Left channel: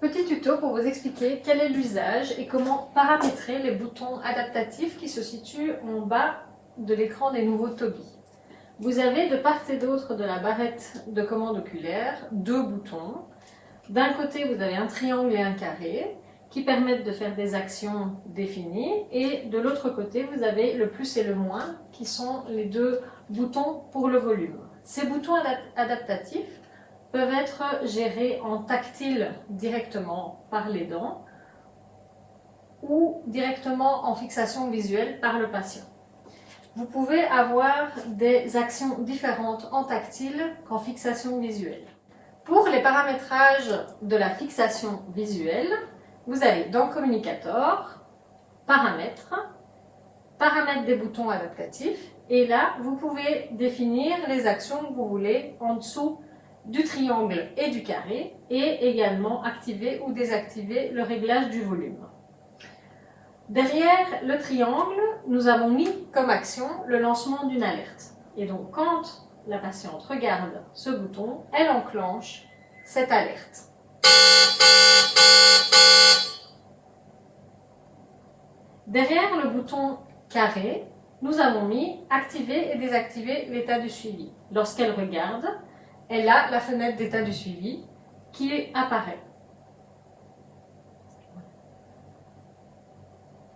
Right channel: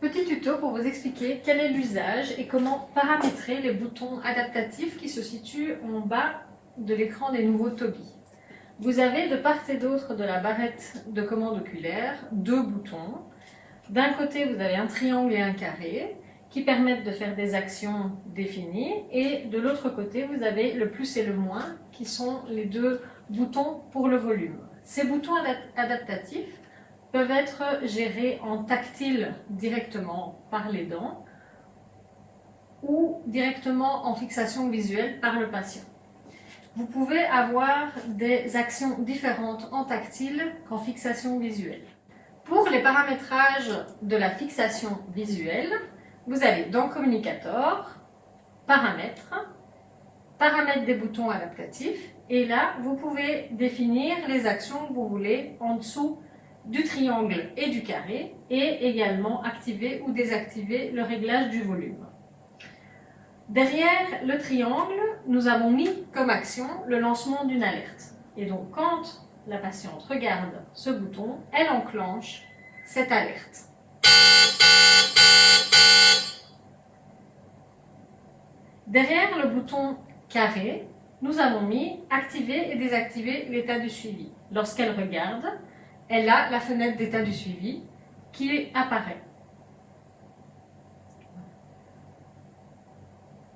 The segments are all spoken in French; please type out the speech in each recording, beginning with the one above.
Petit tuto pour vous expliquer quel est l'usage et comment paramétrer les boutons adaptatifs qui se situent en bas de l'écran des nouveaux Tobii. Vous avez de part et d'autre de la barrette de commande oculaire deux boutons. D'un côté, vous avez un triangle et un carré qui permettent de faire des actions définies, et de l'autre côté, vous avez le plus et le moins qui sont les deux boutons pour le volume. Ces boutons adaptatifs peuvent être gérés en tactile directement par les dents ou directement en fixation visuelle par le patient. Vous pouvez avoir des actions différentes en tactile qu'en fixation visuelle. Pour les paramétrages de la fixation visuelle, vous allez dans Communicator, Paramètres, Paramètres des boutons adaptatifs, et là, vous pouvez définir les actions que vous voulez en dessous du triangle et du carré, et également activer ou désactiver le réglage du volume. Derrière le triangle, nous avons mis comme action le lancement d'une alerte. Et donc, quand la patiente regarde ce bouton, elle enclenche cette alerte. Derrière le bouton carré, nous avons mis activer et désactiver l'état du suivi. Lorsqu'elle regarde, elle a la fenêtre d'état du suivi qui apparaît.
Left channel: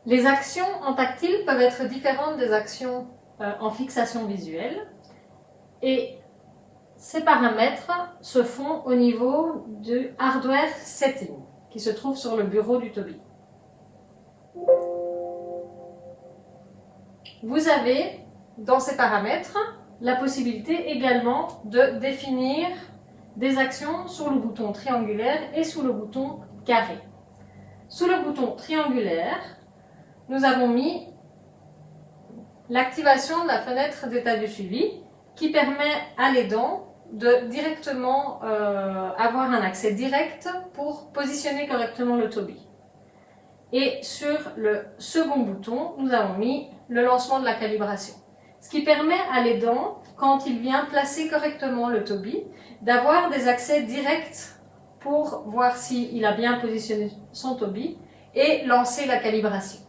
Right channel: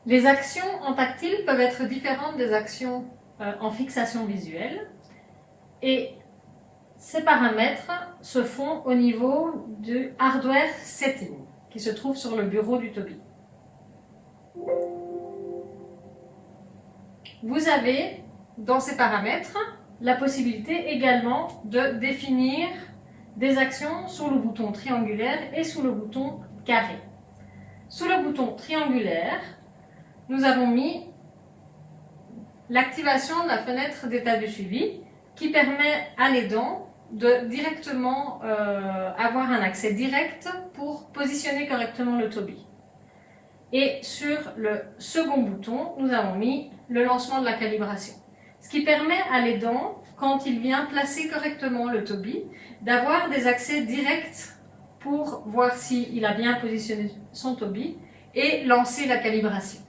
Les actions en tactile peuvent être différentes des actions en fixation visuelle, et ces paramètres se font au niveau du hardware setting qui se trouve sur le bureau du Tobii. Vous avez dans ces paramètres la possibilité également de définir des actions sous le bouton triangulaire et sous le bouton carré. Sous le bouton triangulaire, nous avons mis l'activation de la fenêtre d'état de suivi qui permet à l'aidant de directement avoir un accès direct pour positionner correctement le Tobii. Et sur le second bouton, nous avons mis le lancement de la calibration. Ce qui permet à l'aidant, quand il vient placer correctement le Tobii, d'avoir des accès directs pour voir s'il a bien positionné son Tobii et lancer la calibration.